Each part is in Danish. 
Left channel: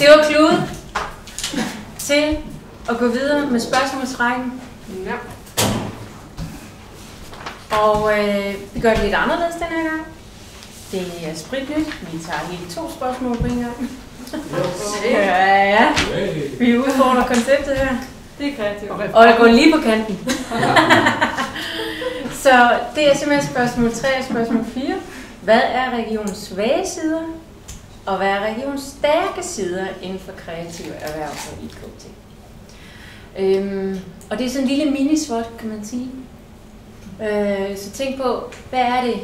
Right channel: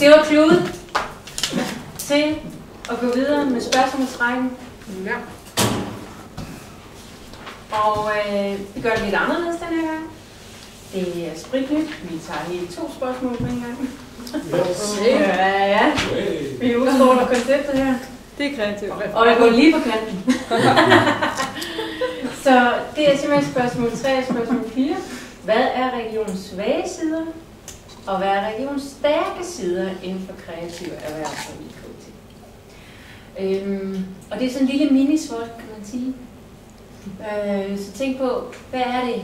Det var kludet til at gå videre med spørgsmålsrækken. Ja. Og vi gør det lidt anderledes den her gang. Det er spritnyt. Vi tager lige 2 spørgsmål på en gang. Ja. Vi udfordrer konceptet her. Det er kreativt. Og jeg går lige på kanten. Så det er simpelthen spørgsmål 3 og spørgsmål 4. Hvad er regionens svage sider? Og hvad er regionens stærke sider inden for kreative erhverv og IKT? Og det er sådan en lille minisvot, kan man sige. Så tænk på, hvad er det,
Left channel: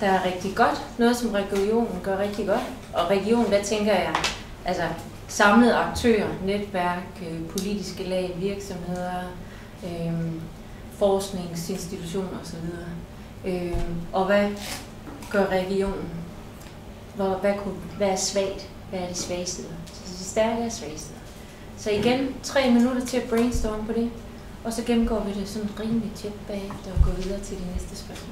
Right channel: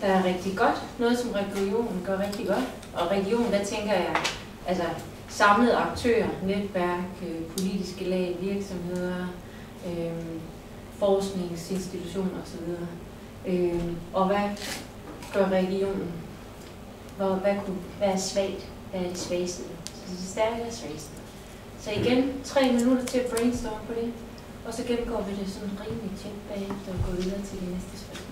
der er rigtig godt? Noget, som regionen gør rigtig godt. Og regionen, der tænker jeg, altså samlede aktører, netværk, politiske lag, virksomheder, forskningsinstitutioner osv. Og hvad gør regionen? Hvad er svagt? Hvad er det svageste? Så stærke og svageste. Så igen, 3 minutter til at brainstorme på det. Og så gennemgår vi det sådan rimelig tæt bagefter og går videre til de næste spørgsmål.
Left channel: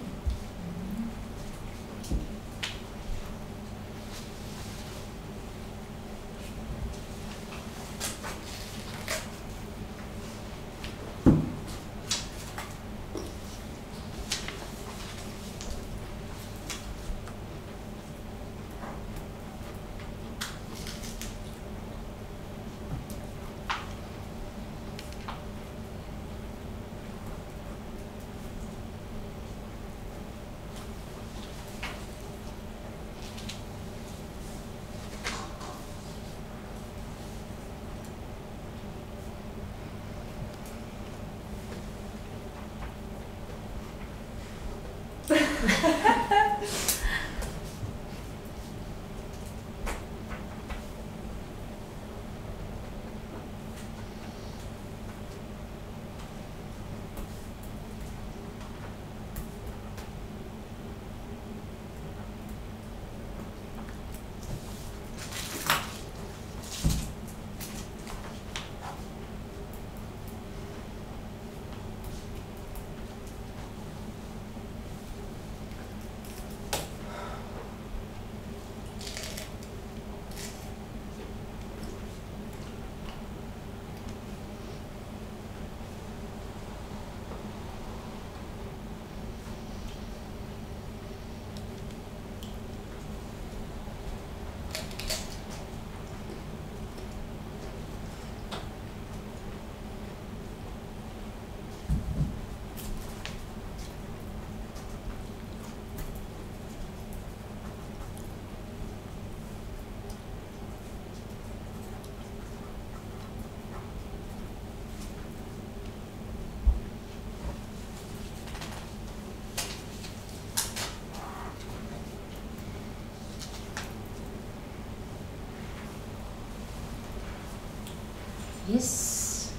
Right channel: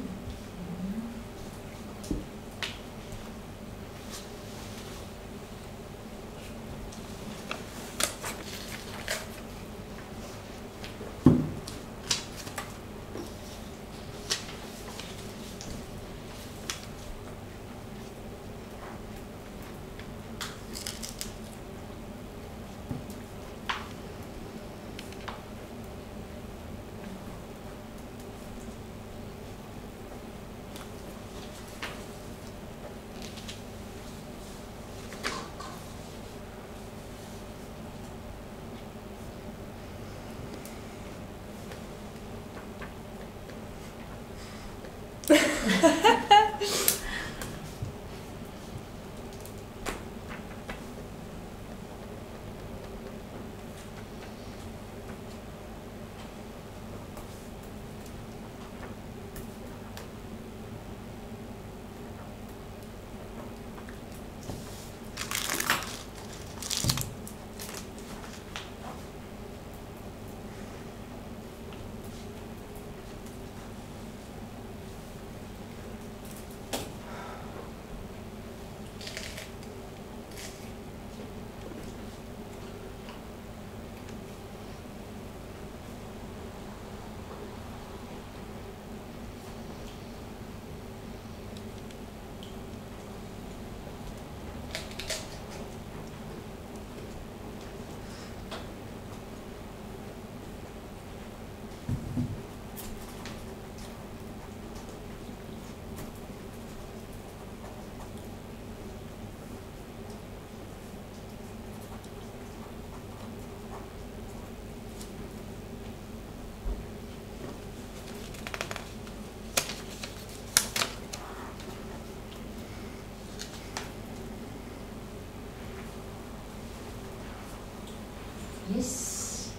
Yes.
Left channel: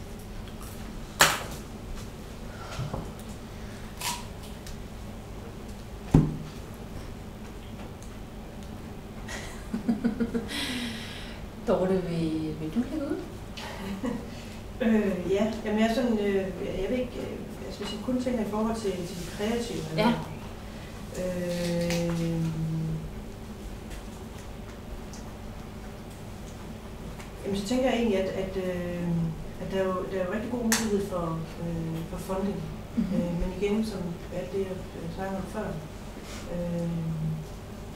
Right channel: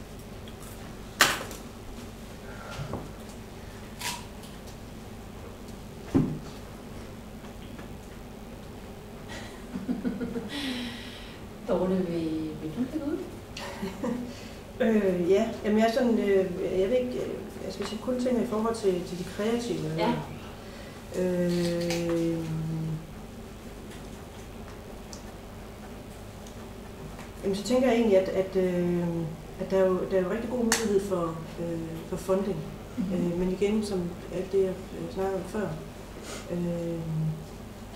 Dorte, vil du lægge ud? Ja, jamen jeg er sådan, jeg ved ikke, jeg skal kun tænke i forhold til de kreative. Ja. Jamen, så tænker jeg egentlig, at der er jo rigtig god mulighed for funding. Men igen, som alt det, jeg snakkede om før,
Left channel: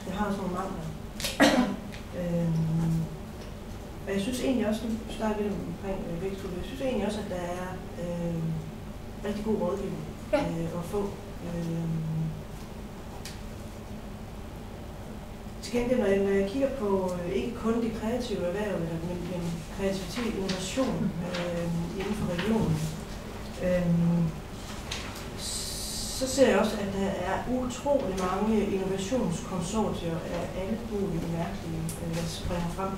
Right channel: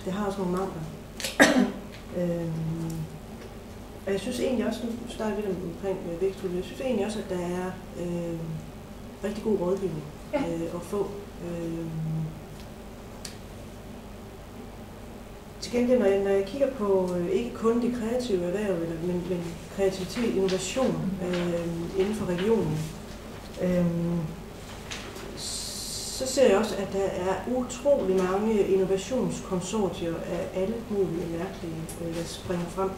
det har også nogle mangler. Og jeg synes egentlig også, nu starter vi omkring vækstudvikling, jeg synes egentlig også, at der er rigtig god rådgivning at få. Til gengæld, når jeg kigger på ikke kun det kreative erhverv, men kreativitet, innovation inden for regionen, så ser jeg også, at der er utrolig mange innovationskonsortier af alle mulige mærkelige, der springer frem.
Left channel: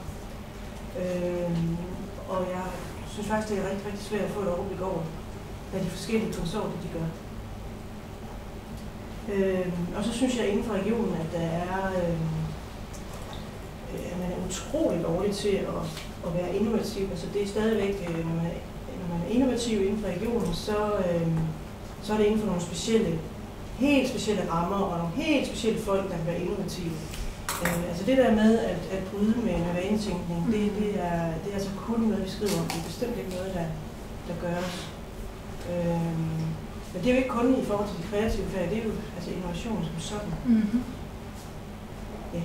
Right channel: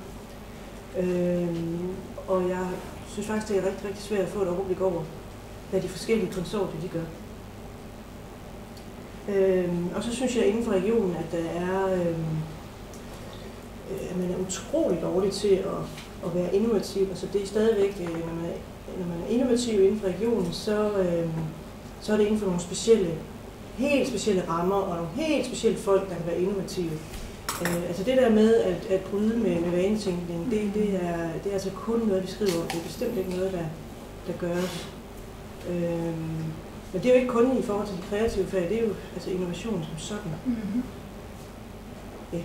Og jeg synes faktisk, det er rigtig, rigtig svært at få et overblik over, hvad de forskellige konsortier de gør. Og så synes jeg inden for regionen, at der er man er utrolig dårlig til at være innovativ. Altså det er stadigvæk, når man er innovativ inden for regionen, så er det inden for nogle specielle, helt specielle rammer og nogle helt specielle folk, der kan være innovative. Altså det der med at bryde med vanetænkning, det er altså kun noget, vi skriver om. Det er bestemt ikke noget, der gøres. Men det er jo ikke kun i forhold til de kreative fag, det er jo altså innovation som sådan. Mm-hmm. Ja.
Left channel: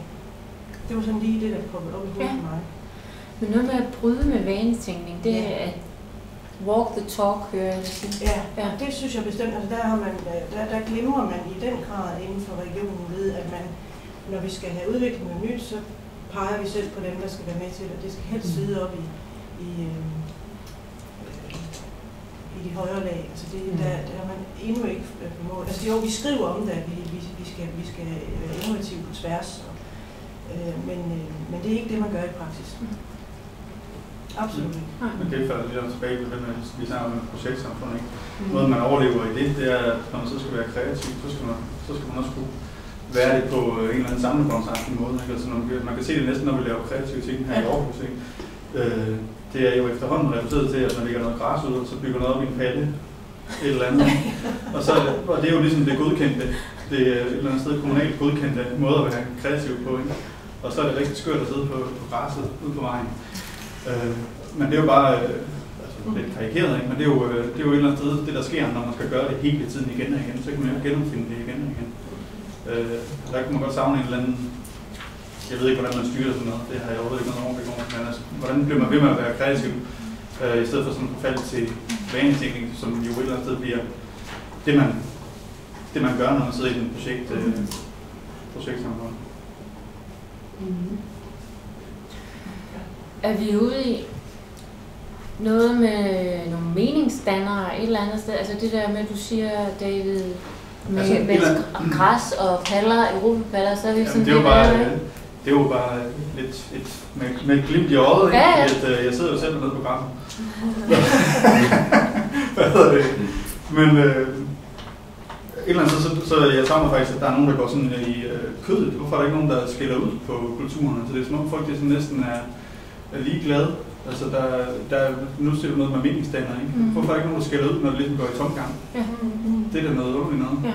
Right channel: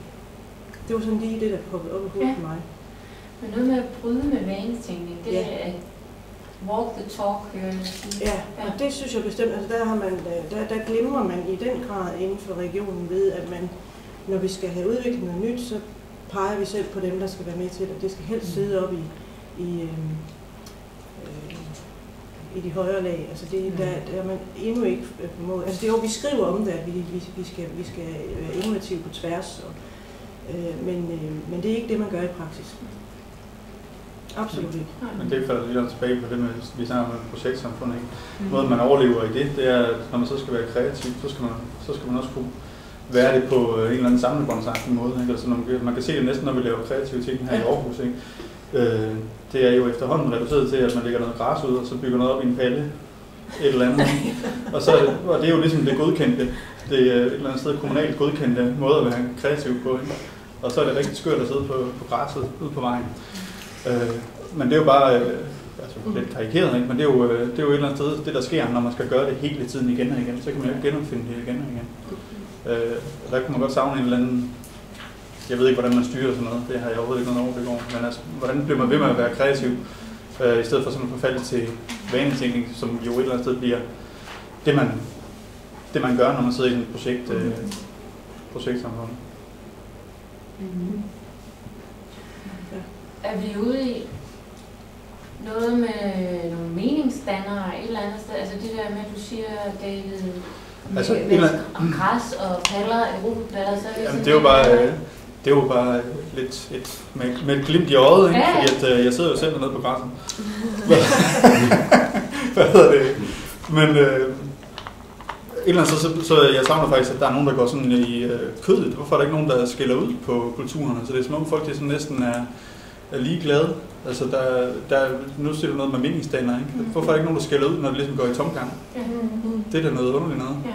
Det var sådan lige det, der kom op i hovedet for mig. Men noget med at bryde med vanetænkning, det er at walk the talk, hører jeg sige. Ja, det synes jeg bestemt. Altså der glemmer man i den grad inden for regionen ved, at man, når vi skal have udviklet noget nyt, så peger vi selv på dem, der skal være med til, og det skal helst sidde op i de højere lag. Altså der er man endnu ikke mål. Altså jo, vi skriver om det, at vi skal være innovative på tværs, men det er ikke det, man gør i praksis. Absolut ikke. Men det falder lidt tilbage på det, vi snakker om projektsamfund, ikke? Måden man overlever i det er, at når man så skal være kreativ, så skal man også kunne være det på en eller anden samlebåndsagtig måde. Ikke? Altså, man kan se det næsten, når vi laver kreative ting her i Aarhus. Ikke? Det er jo efterhånden reduceret til, at man lægger noget græs ud, og så bygger noget op i en palle, et eller andet. Og det er jo ligesom det godkendte. Det er et eller andet sted kommunalt godkendte måde at være kreativ på. Ikke? Og så er det rigtig skørt at sidde på græsset ude på vejen. Men det er jo bare lidt karikeret, ikke? Men det er jo et eller andet sted, det der sker, når man skal gøre det hele tiden igen og igen. Så kan man jo genopfinde det igen og igen. Der kan man godt savne en eller anden, jeg ved ikke, hvordan man styrer sådan noget, det har jeg overhovedet ikke noget overblik over, men altså, hvordan bliver man ved med at være kreativ, i stedet for sådan en forfald til vanetænkning, som jo et eller andet sted bliver det man gør, når man sidder i en projektsamfund. Mm-hmm. Er vi ude i noget med nogle meningsdannere et eller andet sted? Altså det der med, at du siger, David, med altså, græs og paller, europapaller, så er det sådan... Det er jo bare lidt med et glimt i øjet, ikke? Ja. At jeg sidder jo selv nede på græsset. Hvad hedder det? Men et eller andet så jeg savner faktisk, at der er nogen, der går sådan i kødet. Hvorfor er der ikke nogen, der skiller ud på kulturerne? Så det er som om folk, der næsten er ligeglade. Altså, nu ser du noget med meningsdannere, ikke? Hvorfor er der ikke nogen, der skiller ud, når det ligesom går i tomgang? Ja. Det er da noget underligt noget. Ja.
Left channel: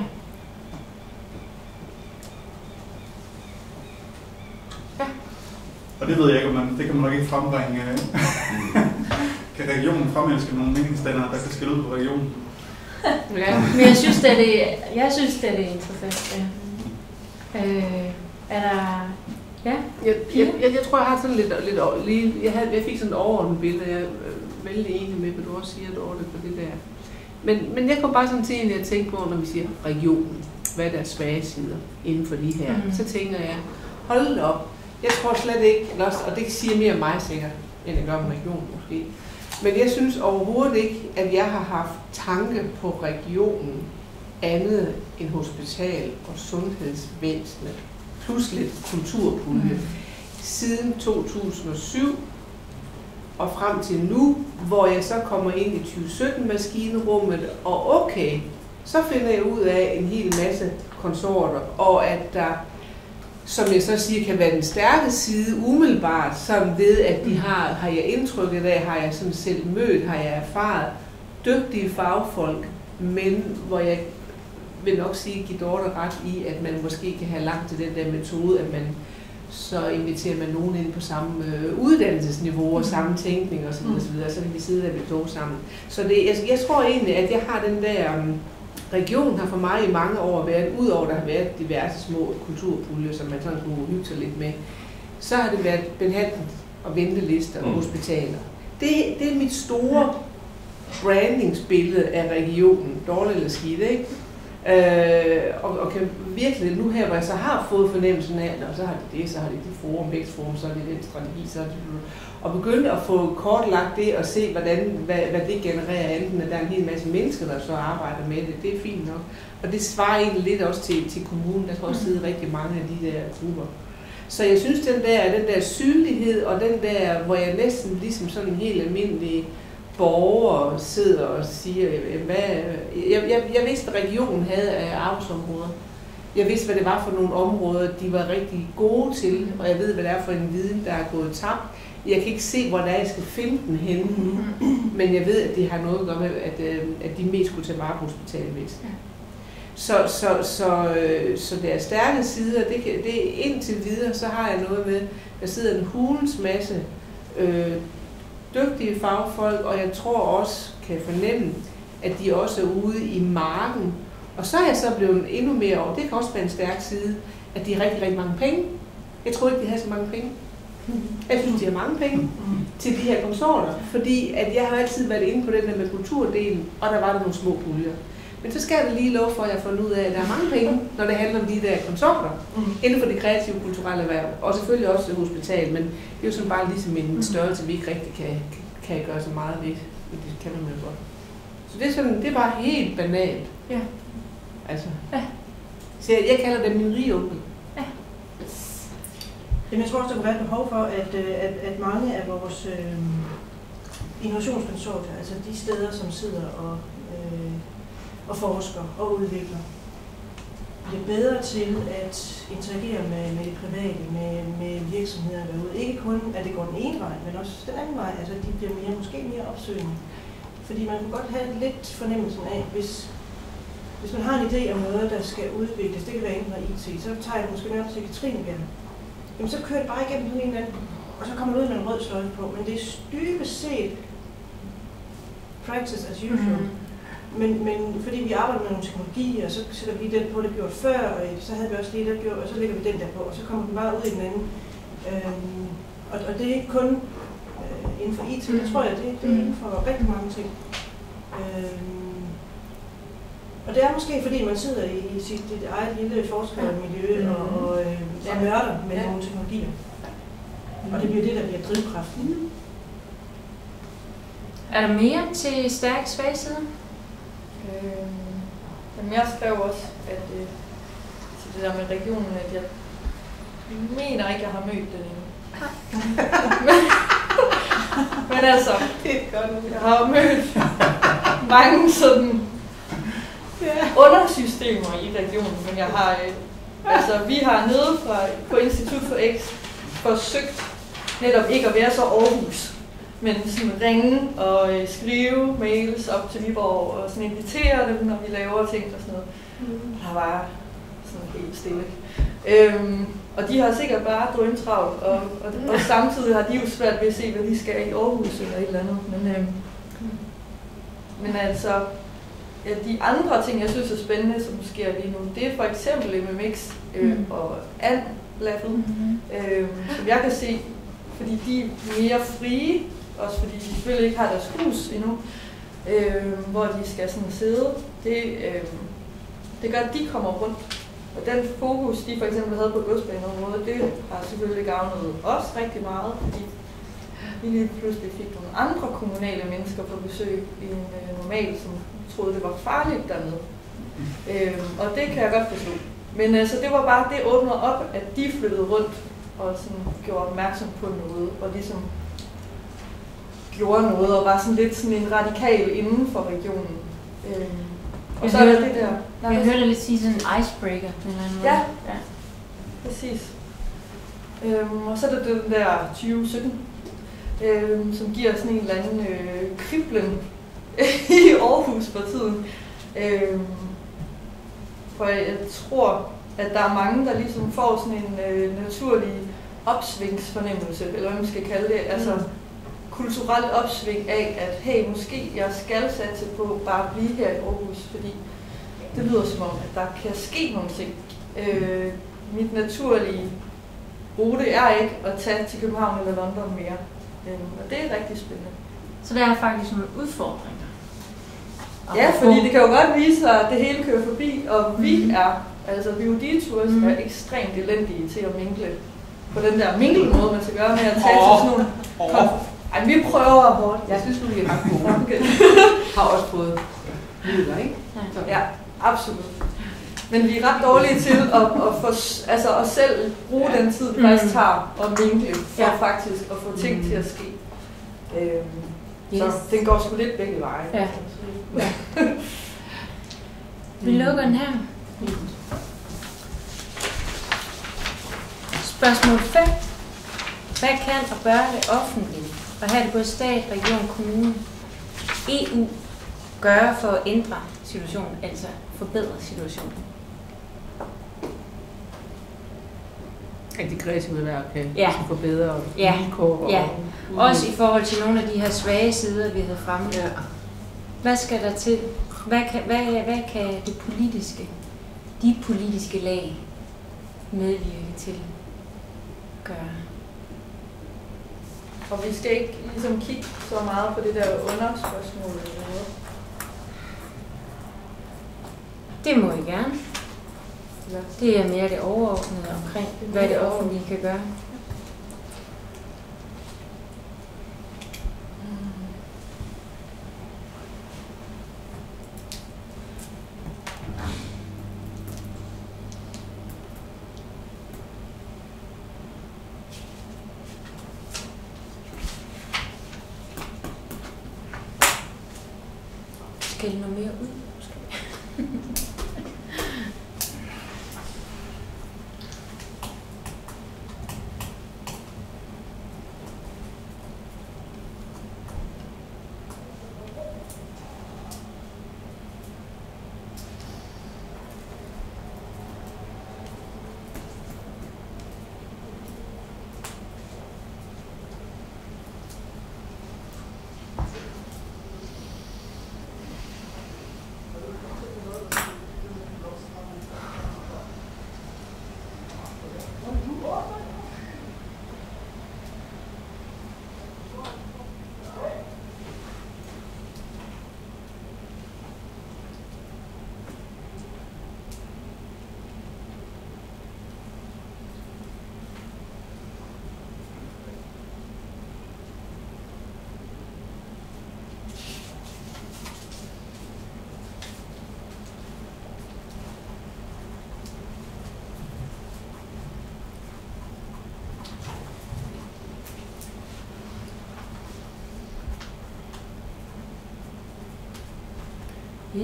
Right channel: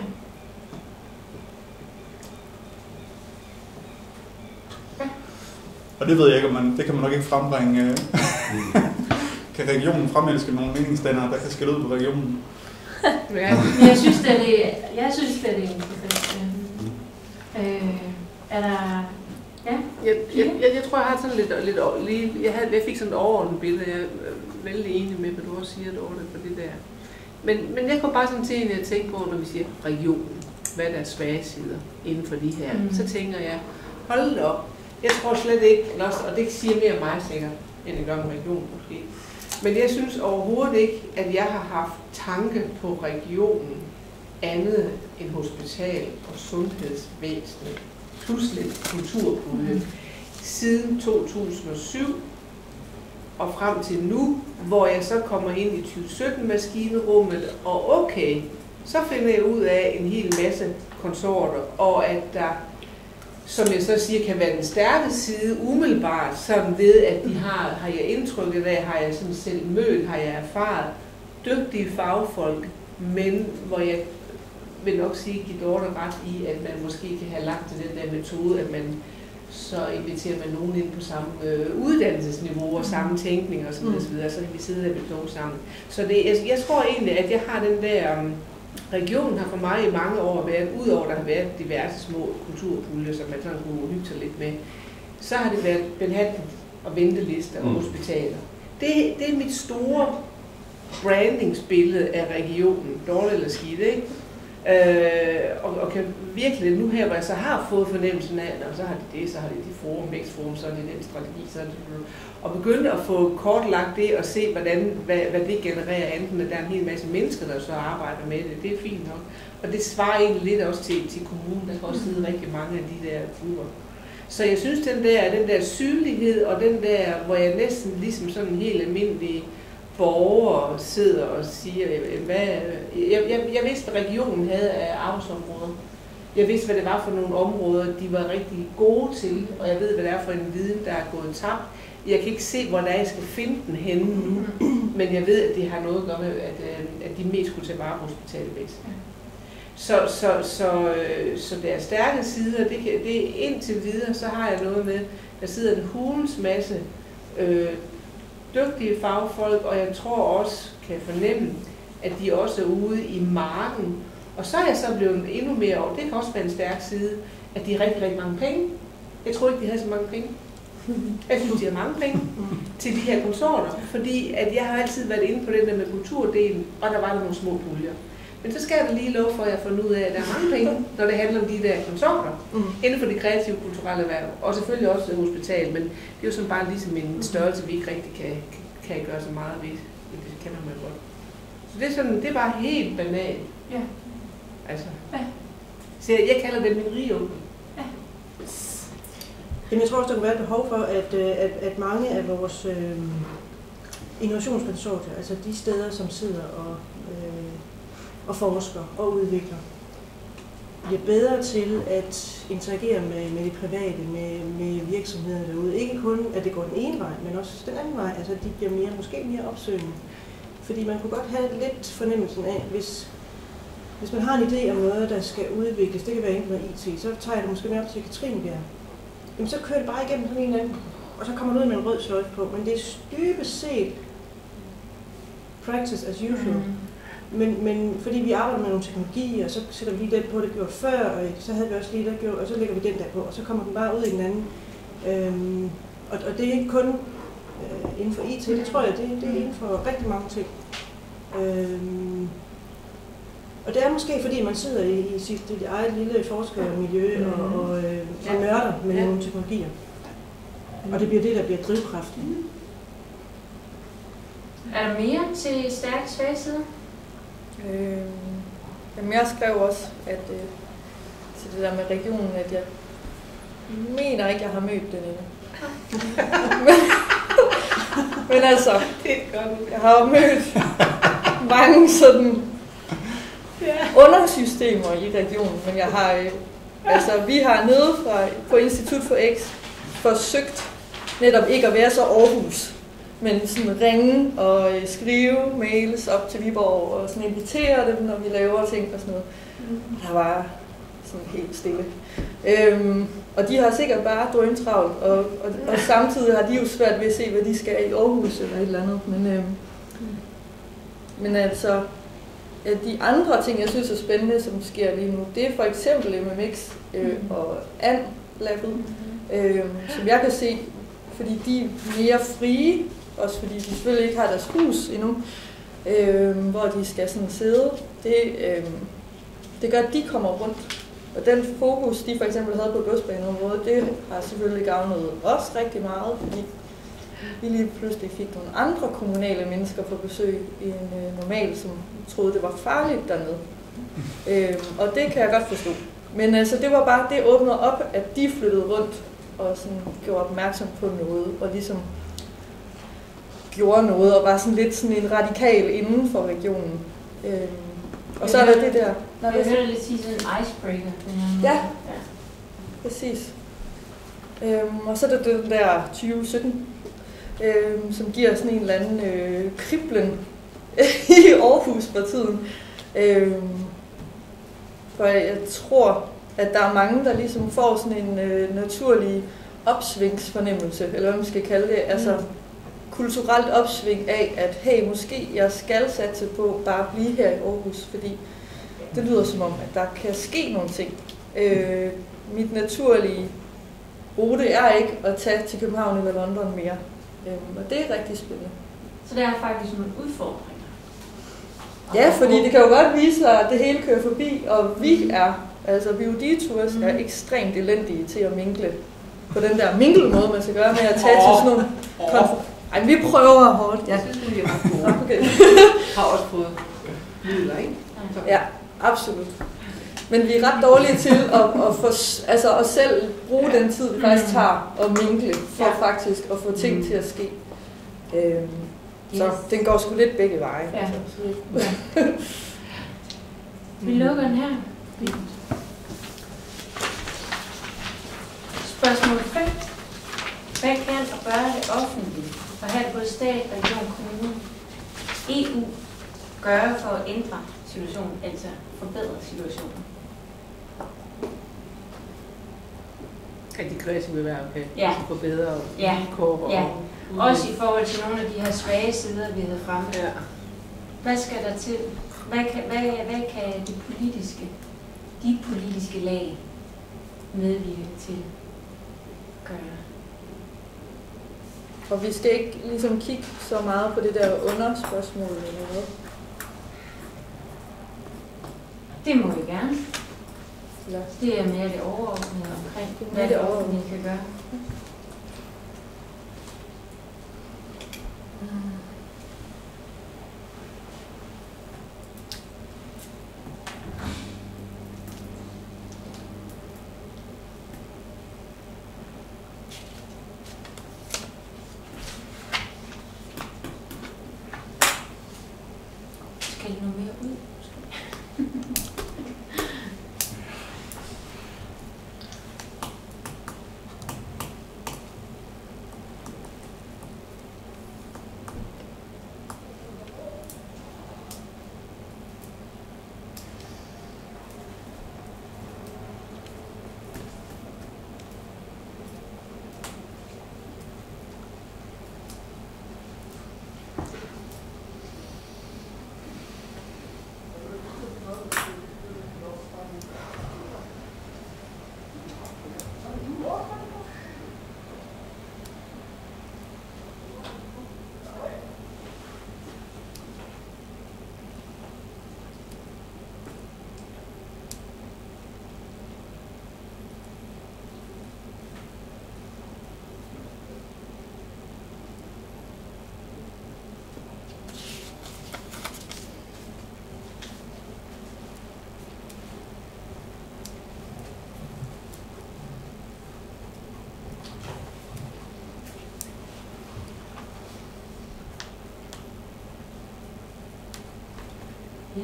Og det ved jeg ikke, om det kan man nok ikke frembringe. Kan regionen fremelske nogle meningsdannere, der kan skille ud på regionen? Ja, men jeg synes, at det er interessant. Er der... Ja. Jeg tror, jeg har sådan lidt lige... Jeg fik sådan et overordnet billede. Jeg er vældig enig med, hvad du også siger, på det der. Men jeg kom bare sådan til, at jeg tænker på, når vi siger regionen, hvad der er svage sider inden for de her, så tænker jeg, hold op. Jeg tror slet ikke, og det siger mere om mig sikkert, end jeg gør om regionen måske. Men jeg synes overhovedet ikke, at jeg har haft tanke på regionen andet end hospital og sundhedsvæsenet, plus lidt kulturpulje, siden 2007 og frem til nu, hvor jeg så kommer ind i 2017-maskinrummet, og okay, så finder jeg ud af en hel masse konsorter, og at der, som jeg så siger, kan være den stærke side umiddelbart, som ved, at de har jeg indtrykket af, har jeg sådan selv mødt, har jeg erfaret, dygtige fagfolk, men hvor jeg vil nok sige, give Dorte ret i, at man måske kan have lagt til den der metode, at man så inviterer man nogen ind på samme uddannelsesniveau og samme tænkning og sådan og så videre, så kan vi sidde der ved kloge sammen. Så jeg tror egentlig, at jeg har den der regionen har for mig i mange år været, udover der har været diverse små kulturpuljer, som man sådan kunne hygge sig lidt med, så har det været behandling og ventelister og hospitaler. Det er mit store brandingsbillede af regionen, dårligt eller skidt, ikke? Og kan virkelig, nu her, hvor jeg så har fået fornemmelsen af, og så har de det forum, vækstforum, så er det den strategi, så er det og begynde at få kortlagt det og se, hvad det genererer, enten at der er en hel masse mennesker, der så arbejder med det, det er fint nok. Og det svarer egentlig lidt også til kommunen, der kan også sidde rigtig mange af de der grupper. Så jeg synes, den der synlighed, og den der, hvor jeg næsten ligesom sådan en helt almindelig borger sidder og siger, jeg vidste, hvad regionen havde af arbejdsområder. Jeg vidste, hvad det var for nogle områder, de var rigtig gode til, og jeg ved, hvad det er for en viden, der er gået tabt. Jeg kan ikke se, hvor der jeg skal finde den henne nu, men jeg ved, at det har noget at gøre med, at de mest skulle tage vare på hospitalvæsenet. Så der er stærke sider. Det indtil videre, så har jeg noget med, der sidder en hulens masse dygtige fagfolk, og jeg tror også, kan fornemme, at de også er ude i marken. Og så er jeg så blevet endnu mere over, det kan også være en stærk side, at de har rigtig, rigtig mange penge. Jeg tror ikke, de har så mange penge. Jeg synes, de har mange penge til de her konsorter, fordi at jeg har altid været inde på det der med kulturdelen, og der var der nogle små puljer. Men så skal jeg lige love for, at jeg får ud af, at der er mange penge, når det handler om de der konsorter, inden for det kreative kulturelle erhverv, og selvfølgelig også hospital, men det er jo sådan bare ligesom en størrelse, vi ikke rigtig kan gøre så meget ved. Det kan man jo godt. Så det er sådan, det er bare helt banalt. Ja. Altså. Ja. Så jeg kalder det min rigeonkel. Ja. Jamen, jeg tror også, der kunne være et behov for, at mange af vores innovationskonsorter, altså de steder, som sidder og forsker og udvikler, bliver bedre til at interagere med det private, med virksomheder derude. Ikke kun, at det går den ene vej, men også den anden vej. Altså, de bliver måske mere opsøgende. Fordi man kunne godt have lidt fornemmelsen af, hvis man har en idé om noget, der skal udvikles, det kan være enten IT, så tager jeg det måske nærmest til Katrinebjerg. Jamen, så kører det bare igennem den ene anden, og så kommer man ud med en rød sløjfe på. Men det er dybest set practice as usual. Men fordi vi arbejder med nogle teknologier, så sætter vi den på, det gjort før, og så havde vi også lige den gjort, og så lægger vi den der på, og så kommer vi bare ud i den anden. Og det er ikke kun inden for IT, det tror jeg, det er inden for rigtig mange ting. Og det er måske fordi, man sidder i sit eget lille forskermiljø og nørder med nogle teknologier. Og det bliver det, der bliver drivkraften. Er der mere til stærk svagside? Jamen jeg skrev også, at til det der med regionen, at jeg mener ikke, jeg har mødt den endnu. Men altså, jeg har jo mødt mange sådan undersystemer i regionen, men jeg har, vi har nede på Institut for X forsøgt netop ikke at være så Aarhus, men sådan ringe og skrive mails op til Viborg og sådan invitere dem, når vi laver ting og sådan noget. Der var sådan helt stille. Og de har sikkert bare drømtravlt, og samtidig har de jo svært ved at se, hvad de skal i Aarhus eller et eller andet. Men altså, de andre ting, jeg synes er spændende, som sker lige nu, det er for eksempel MMX og AND-labbet, som jeg kan se, fordi de er mere frie, også fordi de selvfølgelig ikke har deres hus endnu, hvor de skal sådan sidde. Det gør, at de kommer rundt. Og den fokus, de for eksempel havde på godsbaneområdet, det har selvfølgelig gavnet os rigtig meget, fordi vi lige pludselig fik nogle andre kommunale mennesker på besøg i en normal, som troede, det var farligt dernede. Og det kan jeg godt forstå. Men altså, det var bare, det åbnede op, at de flyttede rundt og sådan gjorde opmærksom på noget, og ligesom gjorde noget, og var sådan lidt sådan en radikal inden for regionen. Og så er det der. Jeg hørte lidt sige sådan en icebreaker. Ja, præcis. Og så er der den der 2017, som giver sådan en eller anden kriblen i Aarhus for tiden. For jeg tror, at der er mange, der ligesom får sådan en naturlig opsvingsfornemmelse, eller hvad man skal kalde det, altså kulturelt opsving af, at hey, måske jeg skal satse på bare at blive her i Aarhus, fordi det lyder som om, at der kan ske nogle ting. Mit naturlige rute er ikke at tage til København eller London mere, og det er rigtig spændende. Så der er faktisk nogle udfordringer? Ja, fordi det kan jo godt vise sig, at det hele kører forbi, og vi VUD-tours er ekstremt elendige til at mingle på den der mingle-måde, man skal gøre med at tage til sådan nogle Ej, vi prøver hårdt. Jeg synes, vi er ret gode. Okay. Har også fået midler, ikke? Ja, absolut. Men vi er ret dårlige til at selv bruge den tid, vi faktisk tager og mingle, for faktisk at få ting til at ske. Så den går sgu lidt begge veje. Ja. Vi lukker den her. Spørgsmål 5. Hvad kan og bør det offentlige, og her både stat, region, kommune, EU, gøre for at ændre situation, altså forbedret situation. At de kreative erhverv kan Ja. forbedre Ja. vilkår. Ja. Og Også i forhold til nogle af de her svage sider, vi havde fremme. Ja. Hvad skal der til? Hvad kan de politiske lag medvirke til at gøre? Og vi skal ikke ligesom kigge så meget på det der underspørgsmål eller noget. Det må I gerne. Ja. Det er mere det overordnede omkring, hvad det offentlige kan gøre. Skal det noget mere ud?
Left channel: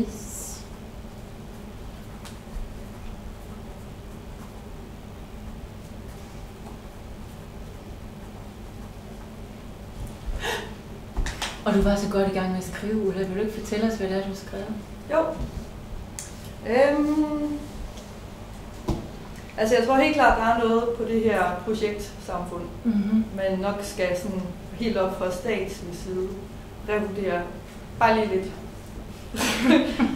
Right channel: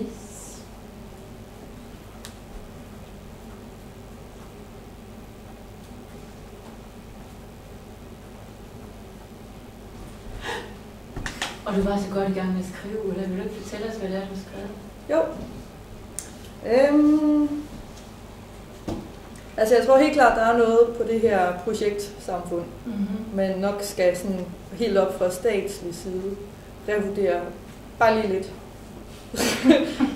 Yes. Og du var så godt i gang med at skrive, Ulla. Vil du ikke fortælle os, hvad det er, du har skrevet? Jo. Altså jeg tror helt klart, der er noget på det her projektsamfund, men nok skal sådan helt op fra statslig side revurdere bare lige lidt.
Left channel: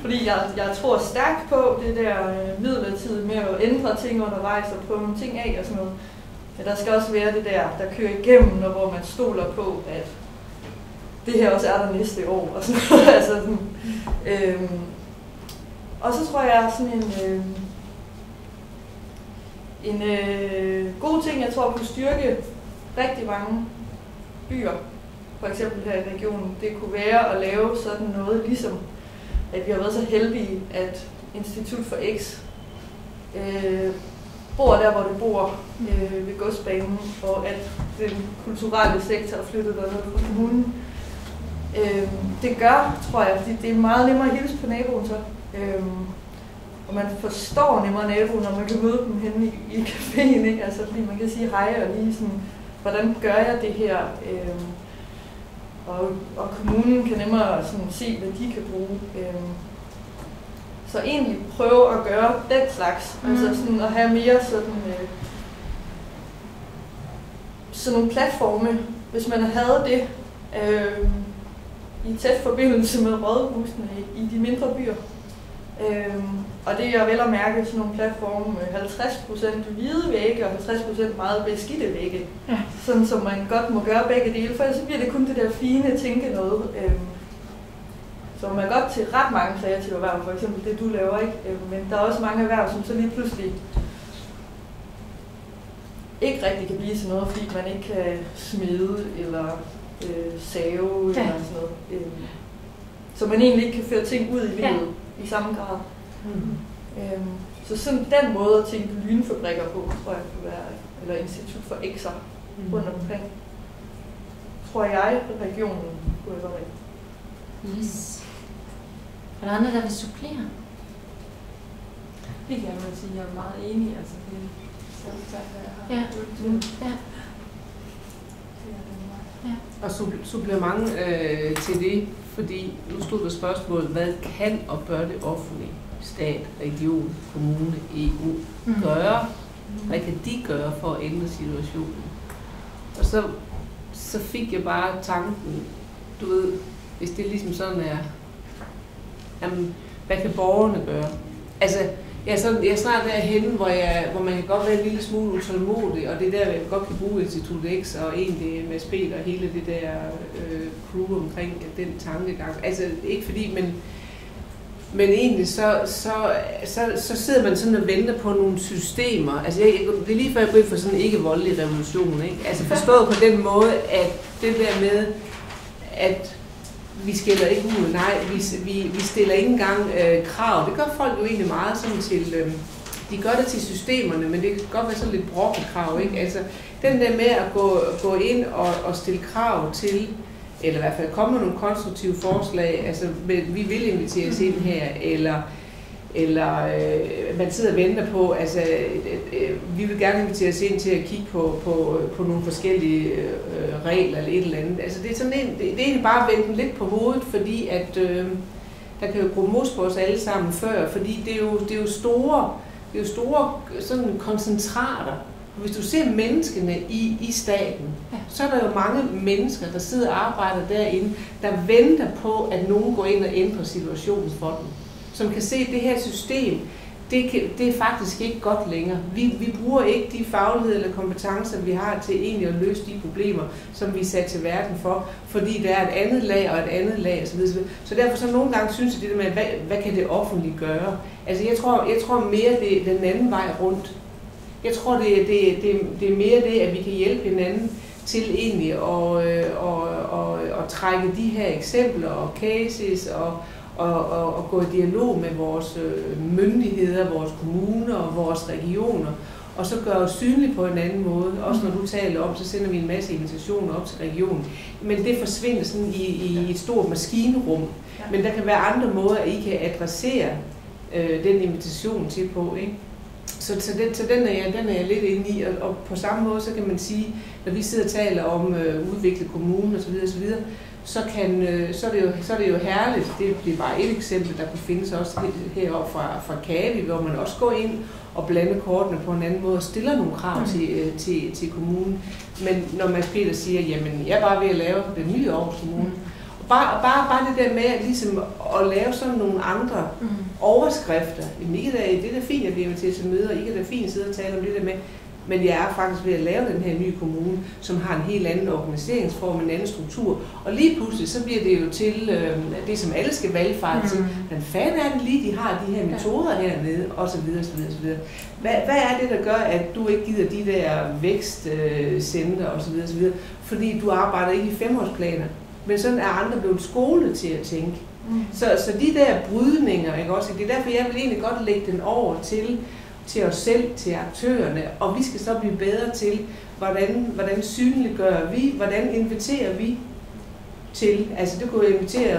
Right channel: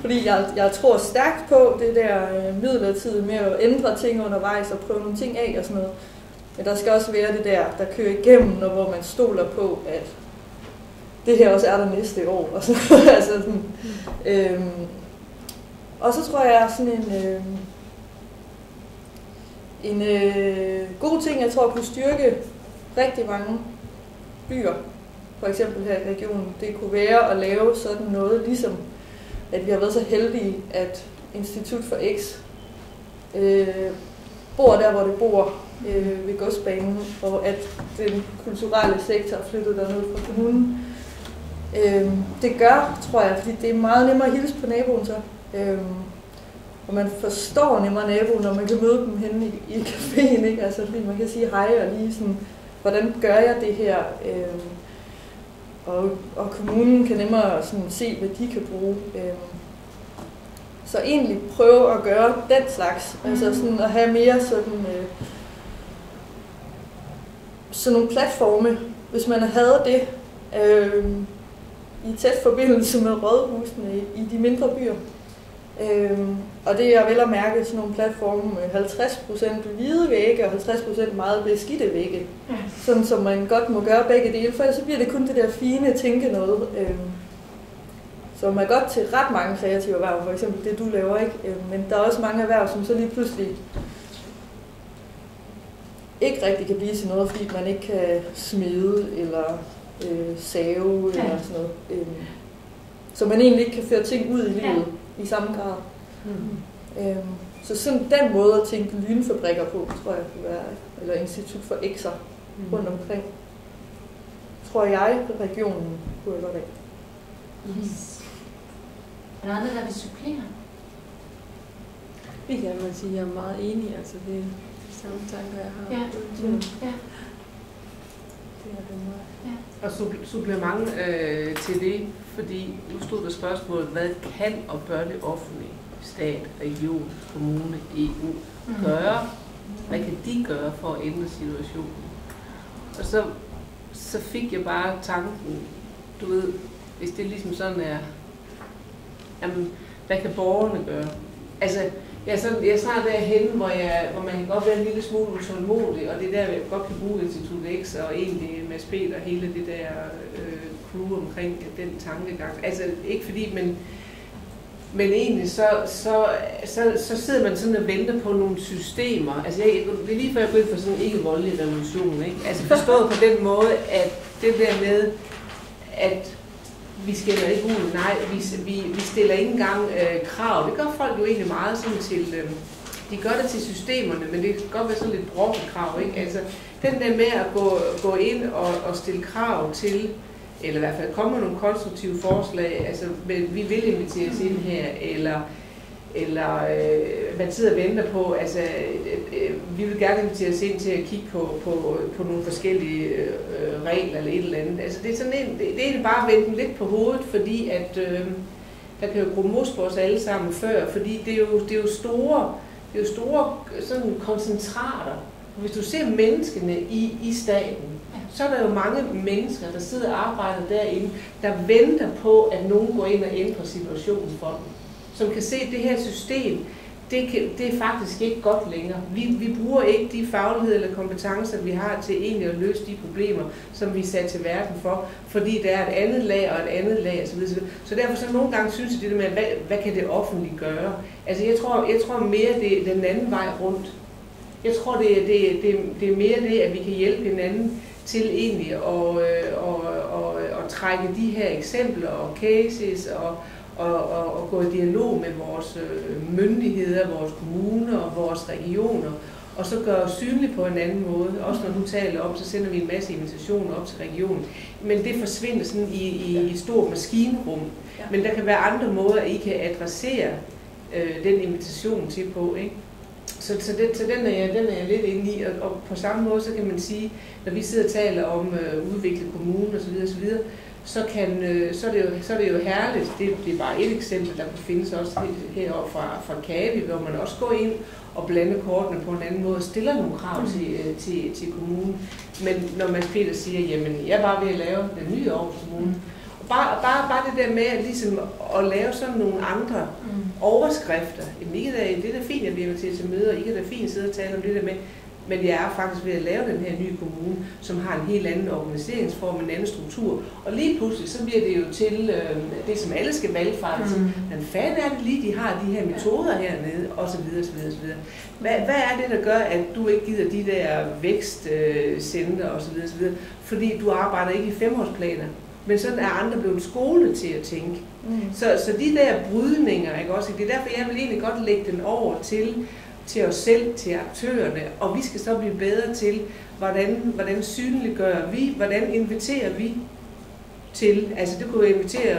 Fordi jeg tror stærkt på det der midlertidigt med at ændre ting undervejs og prøve nogle ting af og sådan noget. Men der skal også være det der kører igennem, hvor man stoler på, at det her også er der næste år. Og, så, altså sådan, og så tror jeg sådan en god ting, jeg tror kunne styrke rigtig mange byer, for eksempel her i regionen, det kunne være at lave sådan noget, ligesom at vi har været så heldige, at Institut for X bor der, hvor det bor ved godsbanen, og at den kulturelle sektor er flyttet derned fra kommunen. Det gør, tror jeg, fordi det er meget nemmere at hilse på naboen så. Og man forstår nemmere naboen, når man kan møde dem henne i caféen, ikke? Altså, fordi man kan sige hej og lige sådan, hvordan gør jeg det her? Og kommunen kan nemmere sådan se, hvad de kan bruge. Så egentlig prøve at gøre den slags, altså sådan at have mere sådan nogle platforme, hvis man havde det i tæt forbindelse med rådhusene i de mindre byer. Og det er vel at mærke sådan nogle platforme med 50% hvide vægge og 50% meget beskidte vægge. Ja. Sådan som man godt må gøre begge dele, for så bliver det kun det der fine tænke noget. Som er godt til ret mange kreative erhverv, for eksempel det du laver, ikke? Men der er også mange erhverv, som så lige pludselig ikke rigtig kan blive til noget, fordi man ikke kan smide eller save eller sådan noget. Så man egentlig ikke kan føre ting ud i livet i samme grad. Så sådan den måde at tænke lynfabrikker på, tror jeg kunne være, eller Institut for X'er rundt omkring. Tror jeg, regionen kunne være med. Yes. Er der andre, der vil supplere? Det kan man sige, jeg er meget enig, altså det er samme tanker, jeg har. Ja. Ja. Og supplement til det, fordi nu stod der spørgsmålet, hvad kan og bør det offentlige, stat, region, kommune, EU gøre? Hvad kan de gøre for at ændre situationen? Og så fik jeg bare tanken, du ved, hvis det ligesom sådan er, jamen, hvad kan borgerne gøre? Altså, jeg er snart derhenne, hvor man kan godt være en lille smule utålmodig, og det der, jeg godt kan bruge Institut X og egentlig Mads Peter, hele det der crew omkring den tankegang. Altså, ikke fordi, men egentlig så sidder man sådan og venter på nogle systemer. Altså, det er lige før jeg går ind for sådan en ikke-voldelig revolution, ikke? Altså forstået på den måde, at det der med, at vi skiller ikke ud, nej, vi stiller ikke engang krav. Det gør folk jo egentlig meget sådan til, de gør det til systemerne, men det kan godt være sådan lidt brokket krav, ikke? Altså, den der med at gå ind og stille krav til, eller i hvert fald komme med nogle konstruktive forslag, altså vi vil invitere os ind her, eller man sidder og venter på, altså vi vil gerne invitere os ind til at kigge på nogle forskellige regler eller et eller andet. Altså det er sådan det er egentlig bare at vende lidt på hovedet, fordi at der kan jo gro mos på os alle sammen før, fordi det er jo store sådan koncentrater. Hvis du ser menneskene i staten, så er der jo mange mennesker, der sidder og arbejder derinde, der venter på, at nogen går ind og ændrer situationen for dem. Som kan se, at det her system, det er faktisk ikke godt længere. Vi bruger ikke de fagligheder eller kompetencer, vi har til egentlig at løse de problemer, som vi er sat til verden for, fordi der er et andet lag og et andet lag osv. Så derfor så nogle gange synes jeg det der med, hvad kan det offentlige gøre? Altså jeg tror mere, det er den anden vej rundt. Jeg tror, det er mere det, at vi kan hjælpe hinanden til egentlig at trække de her eksempler og cases og gå i dialog med vores myndigheder, vores kommuner og vores regioner, og så gøre os synlige på en anden måde. Også når du taler om, så sender vi en masse invitationer op til regionen. Men det forsvinder sådan i et stort maskinrum. Men der kan være andre måder, at I kan adressere den invitation til på, ikke? Så den er jeg lidt inde i, og på samme måde så kan man sige, når vi sidder og taler om udvikle kommunen osv., så er det jo herligt. Det er bare et eksempel, der kunne findes også heroppe fra Kadi, hvor man også går ind og blander kortene på en anden måde og stiller nogle krav til kommunen. Men når Mads Peter siger, jamen jeg er bare ved at lave den nye Aarhus Kommune, Bare det der med at, ligesom, at lave sådan nogle andre overskrifter. Jamen, det er da fint, at vi er til møder, I kan da fint sidde og tale om det der med, men jeg er faktisk ved at lave den her nye kommune, som har en helt anden organiseringsform, en anden struktur. Og lige pludselig, så bliver det jo til det, som alle skal valgfarte til. Men fanden er det lige, de har de her metoder hernede, osv. osv. Hvad er det, der gør, at du ikke gider de der vækstcenter osv.? Fordi du arbejder ikke i 5-årsplaner. Men sådan er andre blevet skolet til at tænke. Så de der brydninger, ikke også? Det er derfor, jeg vil egentlig godt lægge den over til os selv, til aktørerne, og vi skal så blive bedre til, hvordan synliggør vi, hvordan inviterer vi til, altså det kunne invitere,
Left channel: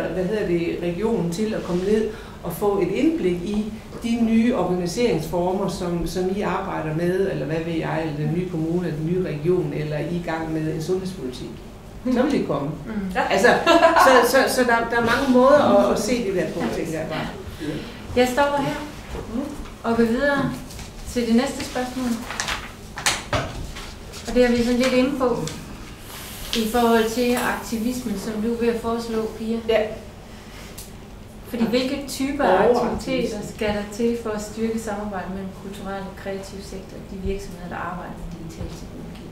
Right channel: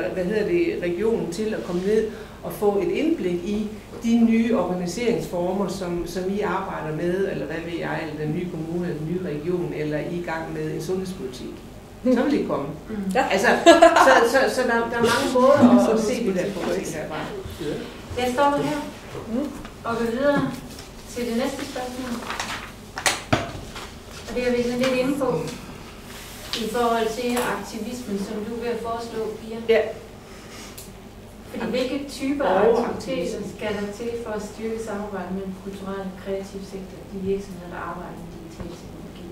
regionen til at komme ned og få et indblik i de nye organiseringsformer, som I arbejder med, eller hvad ved jeg, eller den nye kommune, eller den nye region, eller I gang med en sundhedspolitik. Så vil det komme. Altså, så der er mange måder at se det der på, tænker jeg bare. Jeg stopper her og går videre til det næste spørgsmål. Og det er vi sådan lidt inde på i forhold til aktivismen, som du vil foreslå, Pia. Ja. Fordi hvilke typer af aktiviteter skal der til for at styrke samarbejdet mellem kulturel og kreativ sektor, de virksomheder, der arbejder med digital teknologi?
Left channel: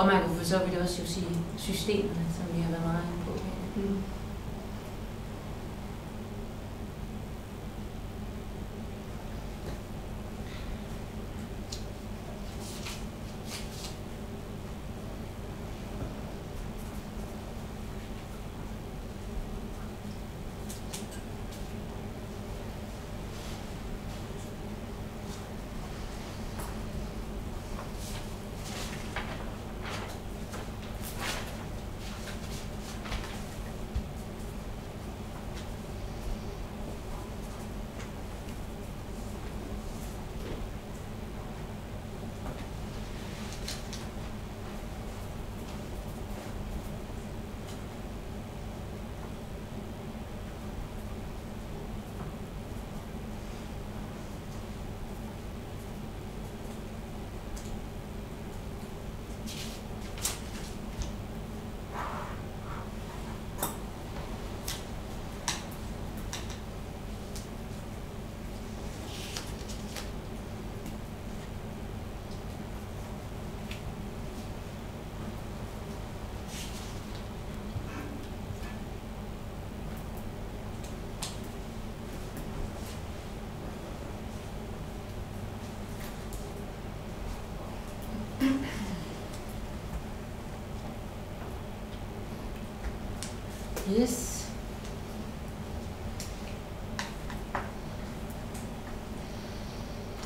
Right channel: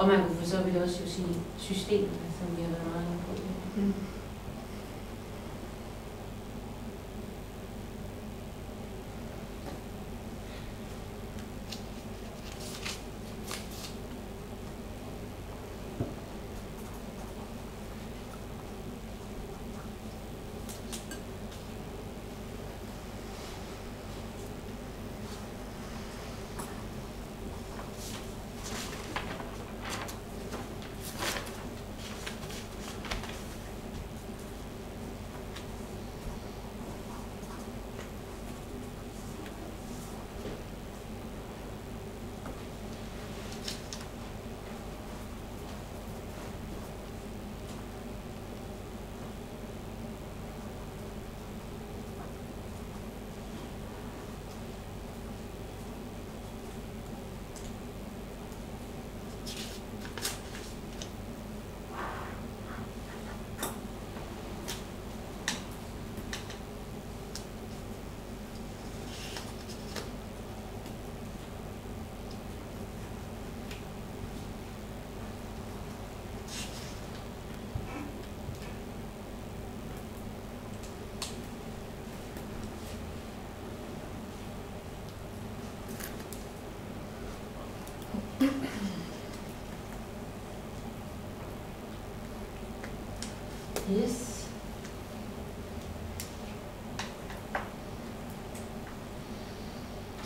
Og man kunne for så vidt også jo sige systemerne, som vi har været meget inde på.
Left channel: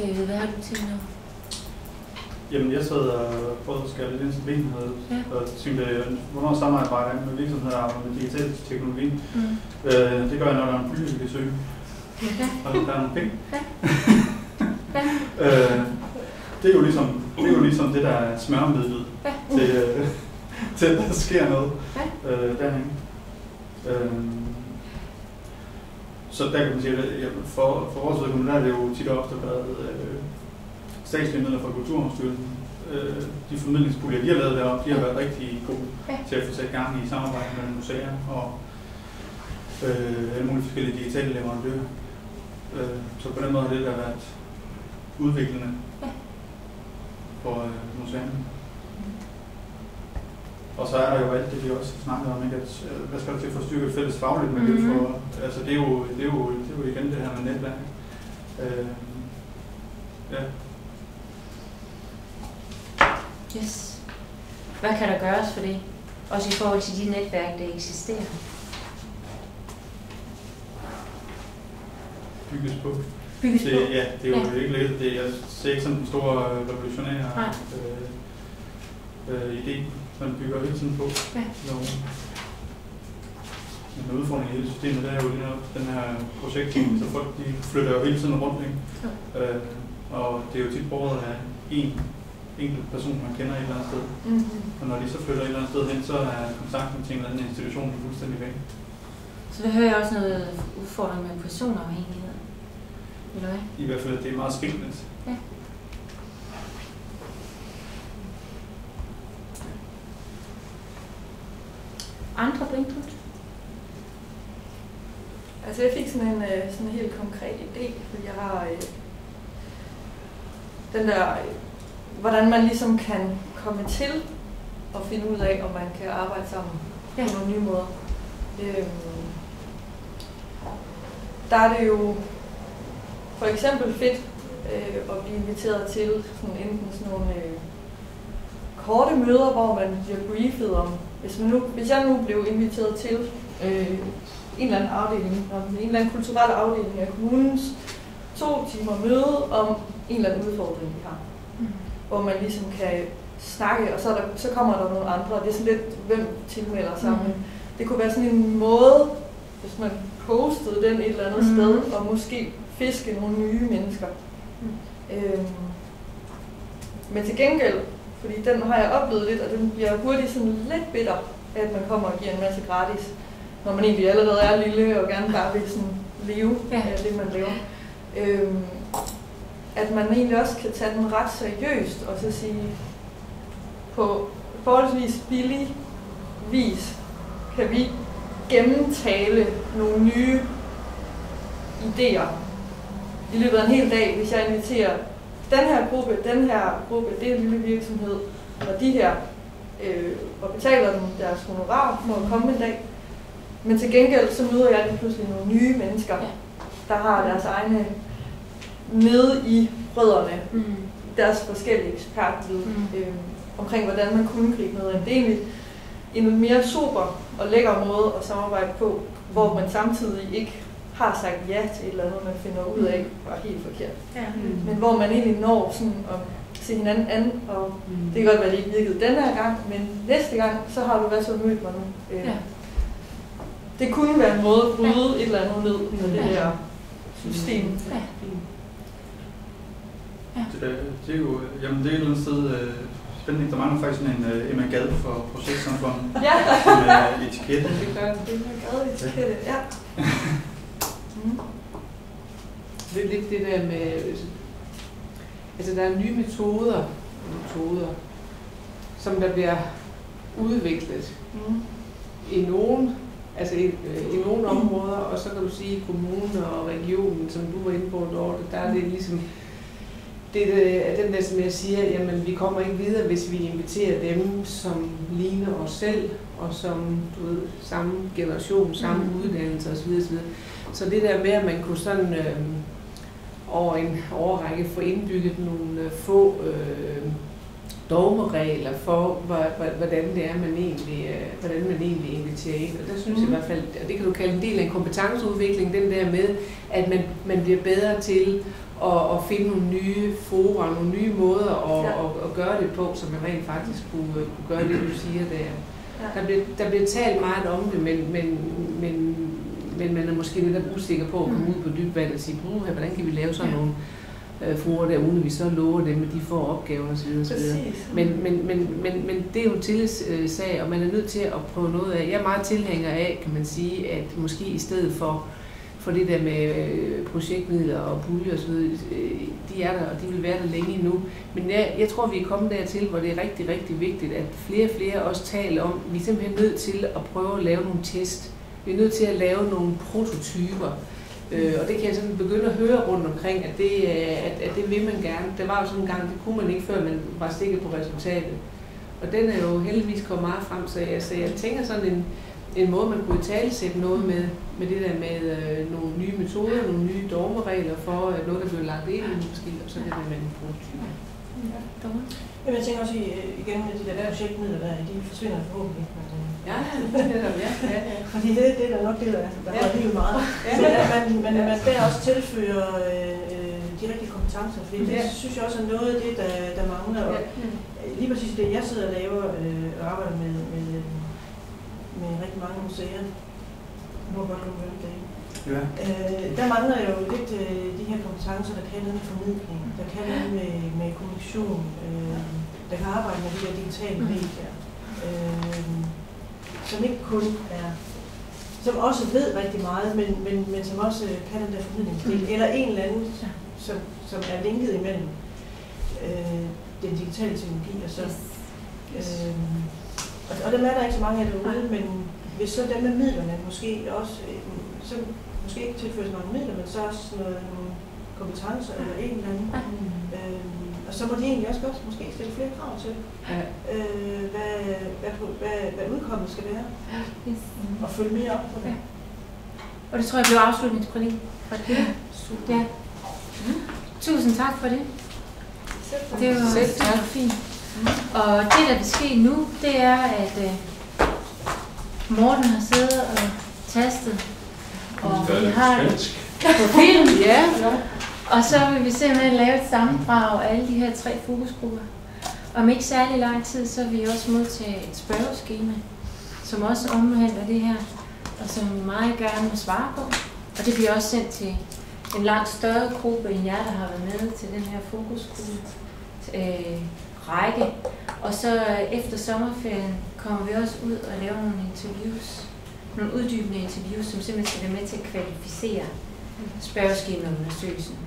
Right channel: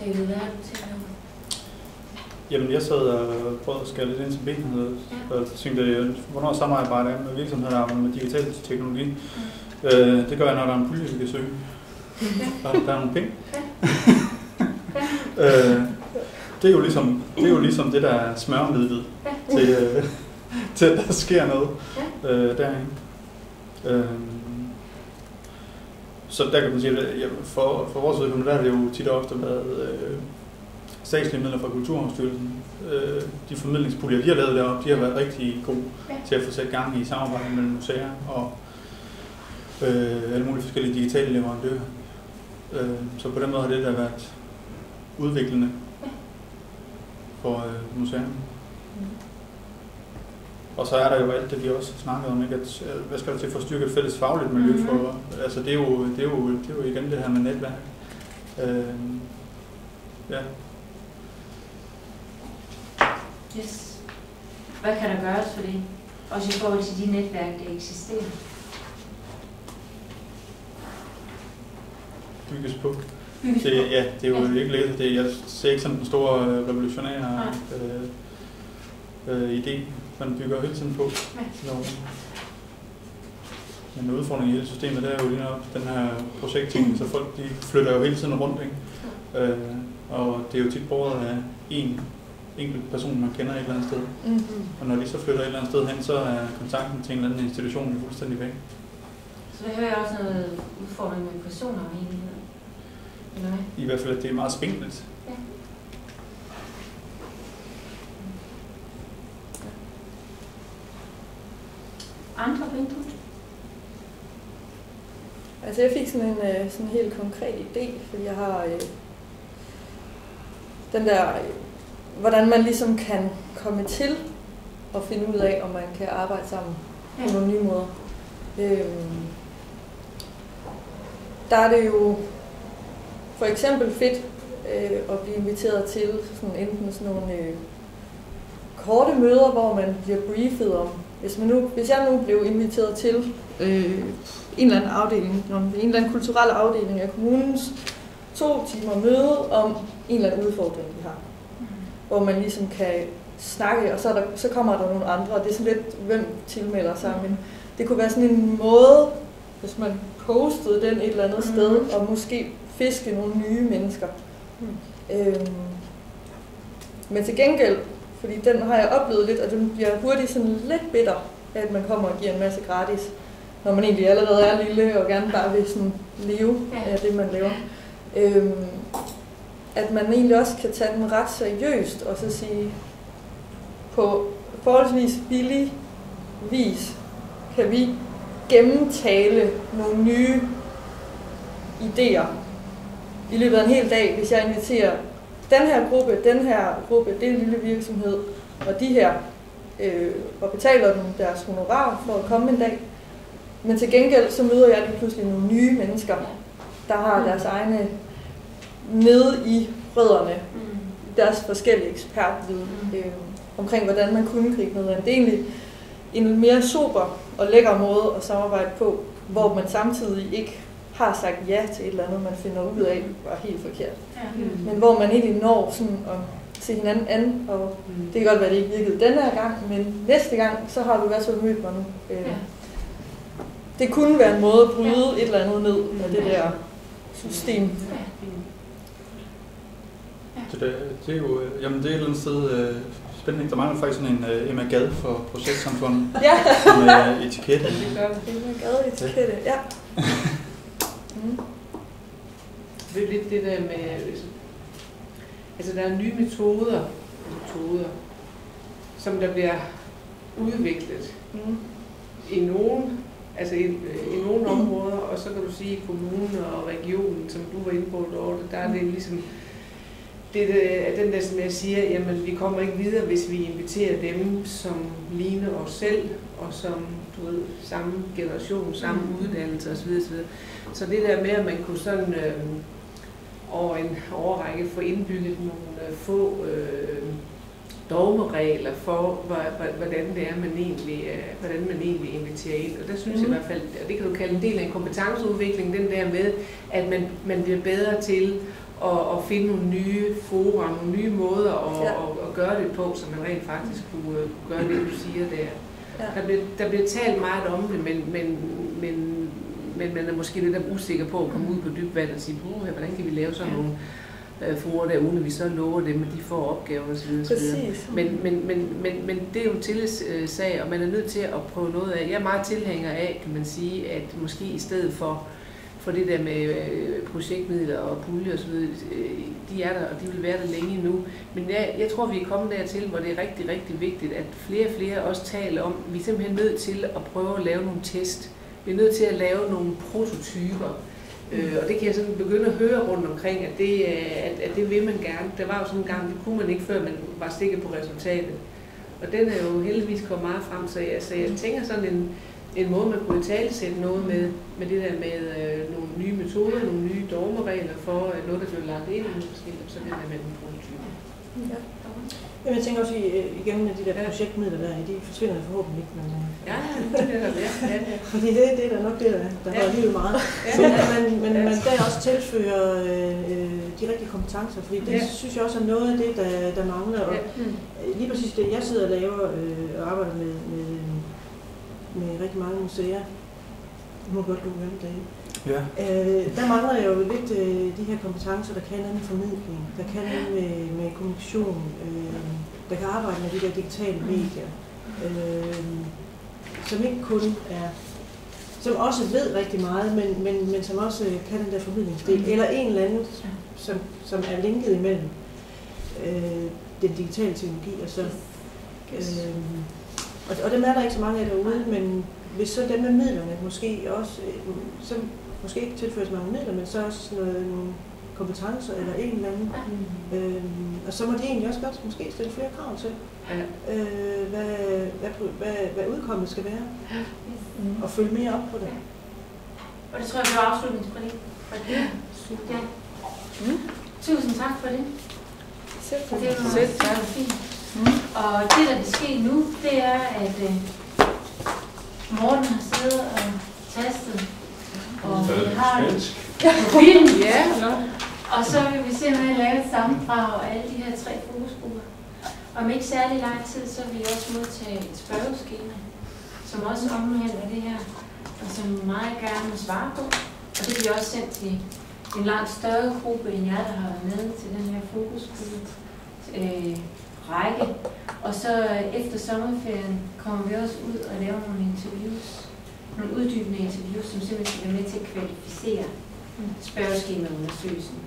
David, hvad har du til nu? Jamen, jeg sad og prøvede at skære lidt ind til benet, og tænkte, hvornår samarbejder jeg med virksomheder og med digital teknologi? Det gør jeg, når der er en pulje, vi kan søge. Og der er nogle penge. Det er jo ligesom det, der er smørmidlet til at der sker noget derinde. Så der kan man sige, at for vores vedkommende, der har det jo tit og ofte været statslige midler fra Kulturarvsstyrelsen. De formidlingspuljer, de har lavet deroppe, de har været rigtig gode til at få sat gang i samarbejde mellem museer og alle mulige forskellige digitale leverandører. Så på den måde har det der været udviklende for museerne. Og så er der jo alt det, de også snakker om, ikke? At, hvad skal der til for at styrke et fælles fagligt miljø for? Altså det er jo igen det her med netværk. Ja. Yes. Hvad kan der gøres for det? Også i forhold til de netværk, der eksisterer. Bygges på. Det er jo ikke let. Jeg ser ikke sådan en stor revolutionær idé, man bygger hele tiden på. Men udfordringen i hele systemet, det er jo lige nok den her projektteam, så folk de flytter jo hele tiden rundt, ikke? Og det er jo tit båret af en enkelt person, man kender et eller andet sted. Og når de så flytter et eller andet sted hen, så er kontakten til en eller anden institution fuldstændig væk. Så det hører jeg også noget udfordring med personafhængighed. I hvert fald, at det er meget spændende. Ja. Andre input? Altså jeg fik sådan en helt konkret idé, fordi jeg har den der, hvordan man ligesom kan komme til at finde ud af, om man kan arbejde sammen på nogle nye måder. Der er det jo for eksempel fedt at blive inviteret til sådan enten sådan nogle korte møder, hvor man bliver briefet om, hvis jeg nu blev inviteret til en eller anden afdeling, en eller anden kulturel afdeling af kommunens 2 timer møde om en eller anden udfordring, vi har. Hvor man ligesom kan snakke, og så kommer der nogle andre, det er sådan lidt, hvem tilmelder sig. Det kunne være sådan en måde, hvis man postede den et eller andet sted, og måske fiske nogle nye mennesker. Men til gengæld, fordi den har jeg oplevet lidt, og den bliver hurtigt sådan lidt bitter, at man kommer og giver en masse gratis, når man egentlig allerede er lille og gerne bare vil sådan leve af det, man laver. At man egentlig også kan tage den ret seriøst og så sige, på forholdsvis billig vis kan vi gennemtale nogle nye idéer i løbet af en hel dag, hvis jeg inviterer den her gruppe, det er en lille virksomhed, og de her, og betaler dem deres honorar for at komme en dag. Men til gengæld så møder jeg lige pludselig nogle nye mennesker, der har deres egne nede i rødderne, deres forskellige ekspertviden omkring, hvordan man kunne gribe noget. Det er egentlig en mere super og lækker måde at samarbejde på, hvor man samtidig ikke har sagt ja til et eller andet, man finder ud af, var helt forkert. Men hvor man egentlig når sådan at se hinanden an, og det kan godt være, at det ikke virkede den her gang, men næste gang, så har du været så mødt mig nu. Det kunne være en måde at bryde et eller andet ned med det her system. Det er jo jamen det er et eller andet sted spændende. Der mangler faktisk sådan en Emma Gade for projektsamfundet. Med etikette. Det gør Emma Gade etikette, ja. Det er lidt det der med, altså der er nye metoder, som der bliver udviklet i nogle, altså i nogle områder, og så kan du sige i kommunen og regionen, som du var inde på, Dorte, der er det ligesom, det er den der, som jeg siger, jamen vi kommer ikke videre, hvis vi inviterer dem, som ligner os selv, og som, du ved, samme generation, samme uddannelse osv. Så det der med, at man kunne sådan over en årrække få indbygget nogle få dogmeregler for, hvordan det er, hvordan man egentlig inviterer ind. Og der synes jeg i hvert fald, og det kan du kalde en del af en kompetenceudvikling, den der med, at man bliver bedre til og finde nogle nye fora, nogle nye måder at gøre det på, så man rent faktisk kunne gøre det, du siger der. Der bliver talt meget om det, men man er måske lidt usikker på at komme ud på dybt vand og sige, hvordan kan vi lave sådan nogle fora der, uden at vi så lover dem, at de får opgaver osv. Men det er jo en tillidssag, og man er nødt til at prøve noget af. Jeg er meget tilhænger af, kan man sige, at måske i stedet for det der med projektmidler og puljer osv., de er der, og de vil være der længe endnu. Men jeg tror, vi er kommet dertil, hvor det er rigtig, rigtig vigtigt, at flere og flere også taler om, at vi er simpelthen nødt til at prøve at lave nogle test. Vi er nødt til at lave nogle prototyper. Og det kan jeg sådan begynde at høre rundt omkring, at det vil man gerne. Der var jo sådan en gang, det kunne man ikke, før man var sikker på resultatet. Og den er jo heldigvis kommet meget frem, så jeg tænker sådan en måde, man kunne italesætte noget med det der med nogle nye metoder, nogle nye dogmeregler for noget, der bliver lagt ind i måske, og så det der med nogle prototyper. Ja, jeg tænker også igen med de der projektmidler der, de forsvinder forhåbentlig ikke. Men, ja, fordi det er nok det, der var livet meget. Men man skal også tilføre de rigtige kompetencer, fordi det synes jeg også er noget af det, der mangler. Og lige præcis det, jeg sidder og laver og arbejder med rigtig mange museer. Nu er godt komme det hele. Ja. Der mangler jo lidt de her kompetencer, der kan noget med formidling, der kan noget med kommunikation, der kan arbejde med de der digitale medier, som ikke kun er, som også ved rigtig meget, men som også kan den der formidlingsdel, eller en eller anden, som er linket imellem den digitale teknologi og så. Og dem er der ikke så mange af derude, men hvis så dem med midlerne måske også, så måske ikke tilføres mange midler, men så også nogle kompetencer eller en eller anden. Og så må de egentlig også godt måske stille flere krav til, hvad udkommet skal være, og følge mere op på det. Og det tror jeg bliver afslutningsprædik. Ja. Tusind tak for det. Det var fint. Og det, der vil ske nu, det er, at Morten har siddet og tastet, og vi har det på film, og så vil vi simpelthen lave et sammendrag af alle de her 3 fokusgrupper. Om ikke særlig lang tid, så vil vi også modtage et spørgeskema, som også omhandler det her, og som meget gerne vil svare på. Og det bliver også sendt til en langt større gruppe end jer, der har været med til den her fokusgruppe række. Og så efter sommerferien kommer vi også ud og laver nogle interviews, nogle uddybende interviews, som simpelthen skal være med til at kvalificere spørgeskemaundersøgelsen.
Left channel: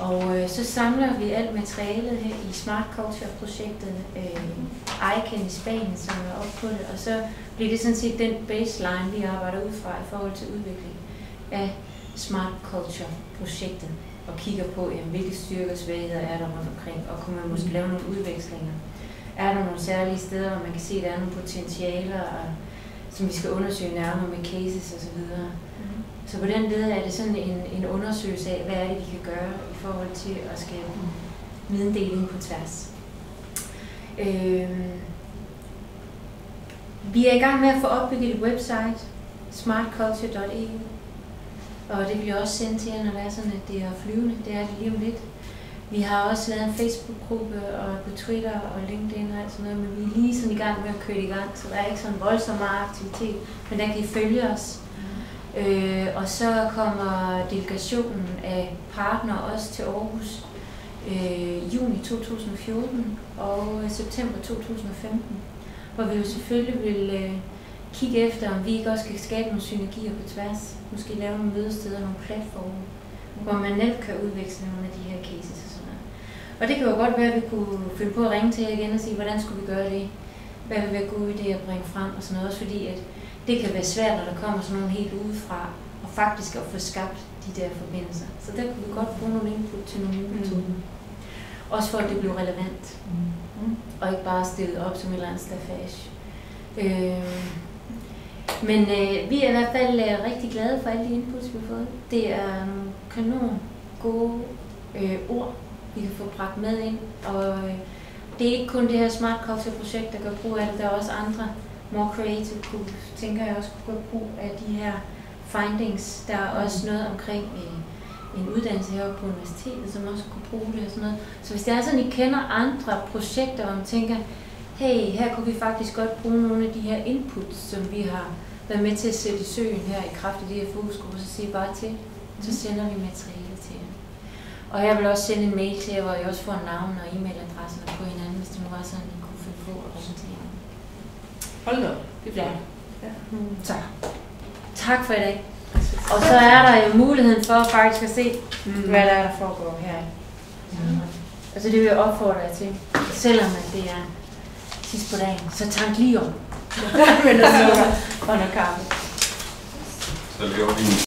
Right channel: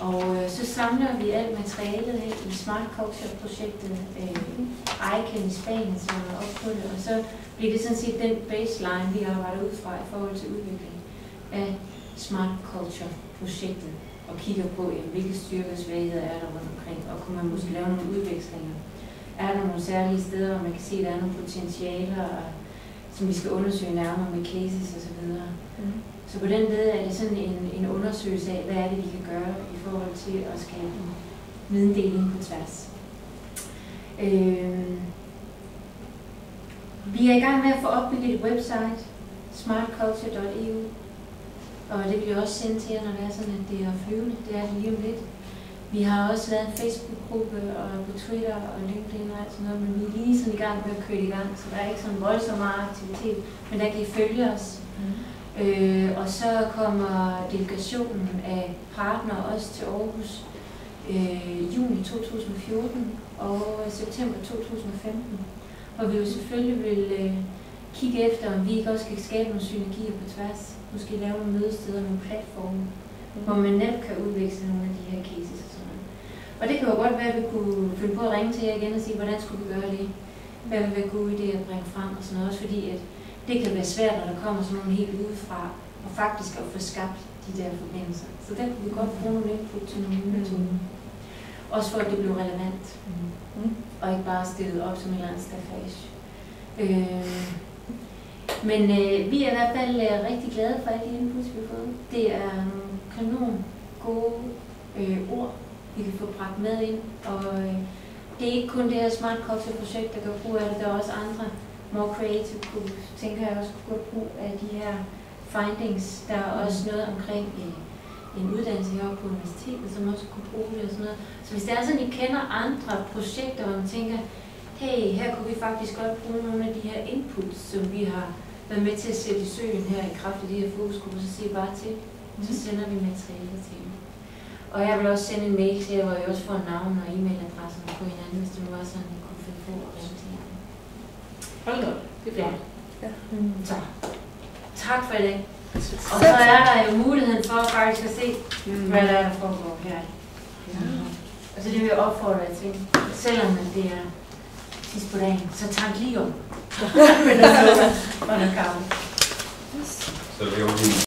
Og så samler vi alt materialet her i Smart Culture-projektet ICANN i Spanien, som er oppe på det, og så bliver det sådan set den baseline, vi arbejder ud fra i forhold til udvikling af Smart Culture-projektet, og kigger på, hvilke styrker og svagheder er der rundt omkring, og kunne man måske lave nogle udvekslinger. Er der nogle særlige steder, hvor man kan se, at der er nogle potentialer, som vi skal undersøge nærmere med cases osv. Så på den led er det sådan en undersøgelse af, hvad er det, vi kan gøre i forhold til at skabe videndeling på tværs. Vi er i gang med at få opbygget et website, smartculture.eu, og det vil jeg også sende til jer, når det er sådan, at det er flyvende. Det er det lige om lidt. Vi har også lavet en Facebook-gruppe og på Twitter og LinkedIn og alt sådan noget, men vi er lige sådan i gang med at køre i gang, så der er ikke sådan voldsomt meget aktivitet, men der kan I følge os. Og så kommer delegationen af partnere også til Aarhus juni 2014 og september 2015, hvor vi jo selvfølgelig vil kigge efter, om vi ikke også kan skabe nogle synergier på tværs, måske lave nogle mødesteder, nogle platforme, hvor man nemt kan udveksle nogle af de her cases og sådan noget. Og det kan jo godt være, at vi kunne finde på at ringe til jer igen og sige, hvordan skulle vi gøre det? Hvad vil være gode idéer at bringe frem og sådan noget, også fordi at det kan være svært, når der kommer sådan nogle helt udefra, og faktisk at få skabt de der forbindelser. Så der kan vi godt bruge nogle input til nogle nye metoder. Også for at det bliver relevant, og ikke bare stillet op som en eller anden stafage. Men vi er i hvert fald rigtig glade for alle de inputs, vi har fået. Det er nogle kanon gode ord, vi kan få bragt med ind. Og det er ikke kun det her Smart Culture-projekt, der gør brug af det. Der er også andre more creative groups, tænker jeg også kunne gøre brug af de her findings. Der er også noget omkring en uddannelse heroppe på universitetet, som også kunne bruge det og sådan noget. Så hvis det er sådan, I kender andre projekter, hvor man tænker, hey, her kunne vi faktisk godt bruge nogle af de her inputs, som vi har været med til at sætte i søen her i kraft af de her fokusgrupper, så siger bare til, så sender vi materiale til jer. Og jeg vil også sende en mail til jer, hvor I også får navn og e-mailadresse på hinanden, hvis det var sådan, I kunne finde på at ringe til jer. Hold da, det er flot. Ja. Så, tak for i dag. Og så er der jo muligheden for faktisk at se, hvad der er, der foregår her. Altså det vil jeg opfordre jer til, selvom det er sidst på dagen, så tank lige om. Men der sukker under kampen. Så det er jo